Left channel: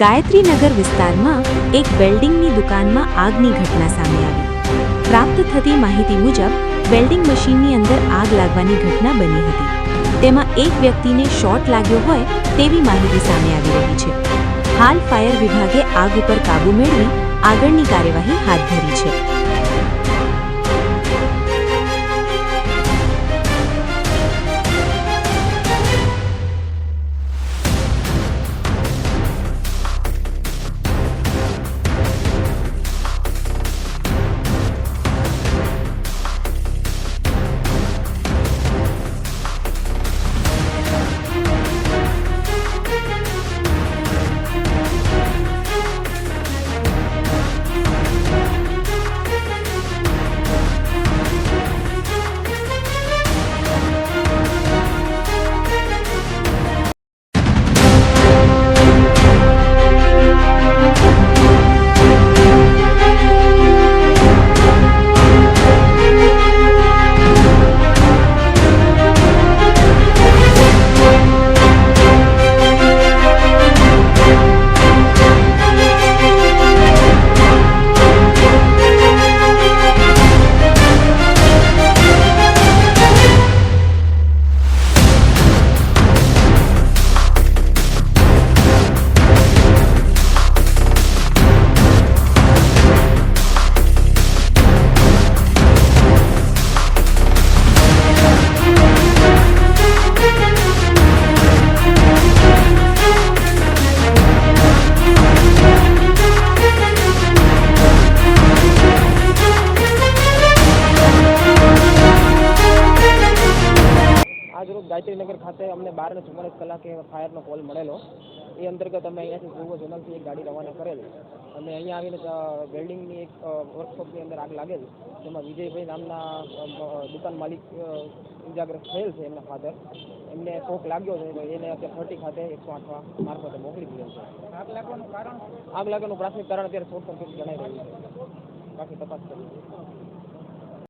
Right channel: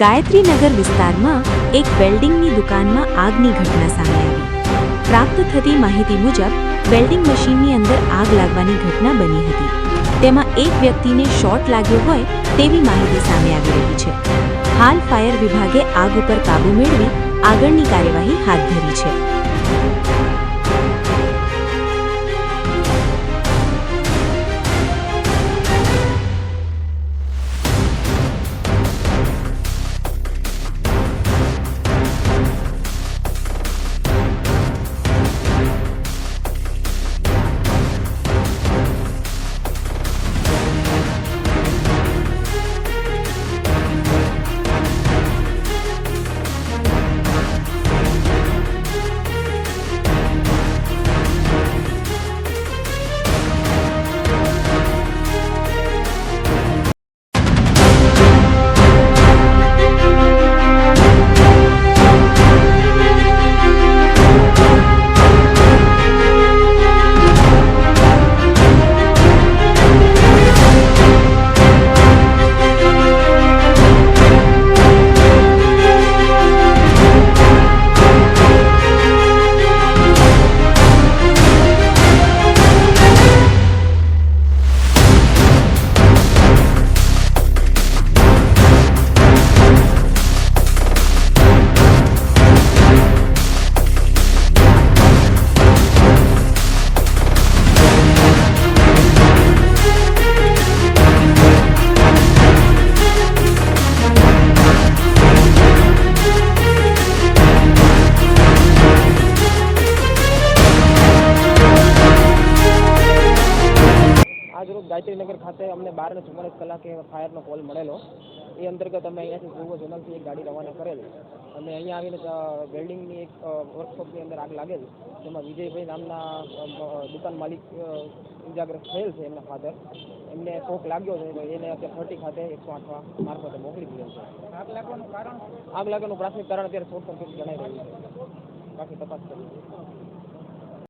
ગાયત્રીનગર વિસ્તારમાં એક વેલ્ડિંગની દુકાનમાં આગની ઘટના સામે આવી। પ્રાપ્ત થતી માહિતી મુજબ વેલ્ડિંગ મશીનની અંદર આગ લાગવાની ઘટના બની હતી। તેમાં એક વ્યક્તિને શોર્ટ લાગ્યો હોય તેવી માહિતી સામે આવી રહી છે। હાલ ફાયર વિભાગે આગ ઉપર કાબૂ મેળવી આગળની કાર્યવાહી હાથ ધરી છે। આજરોજ ગાયત્રીનગર ખાતે અમને 12:44 કલાકે ફાયરનો કોલ મળેલો। એ અંતર્ગત અમે અહીંયાથી પૂર્વ ઝોનલથી એક ગાડી રવાના કરેલી અને અહીંયા આવીને વેલ્ડિંગની એક વર્કશોપની અંદર આગ લાગેલી, જેમાં વિજયભાઈ નામના દુકાન માલિક ઇજાગ્રસ્ત થયેલ છે। એમના ફાધર, એમને શોક લાગ્યો છે તો એને અત્યારે 30 ખાતે 108 મારફતે મોકલી દીધેલ છે। આગ લાગવાનું પ્રાથમિક કારણ અત્યારે શોર્ટ સર્કિટ જણાઈ રહ્યું છે, બાકી તપાસ કરી।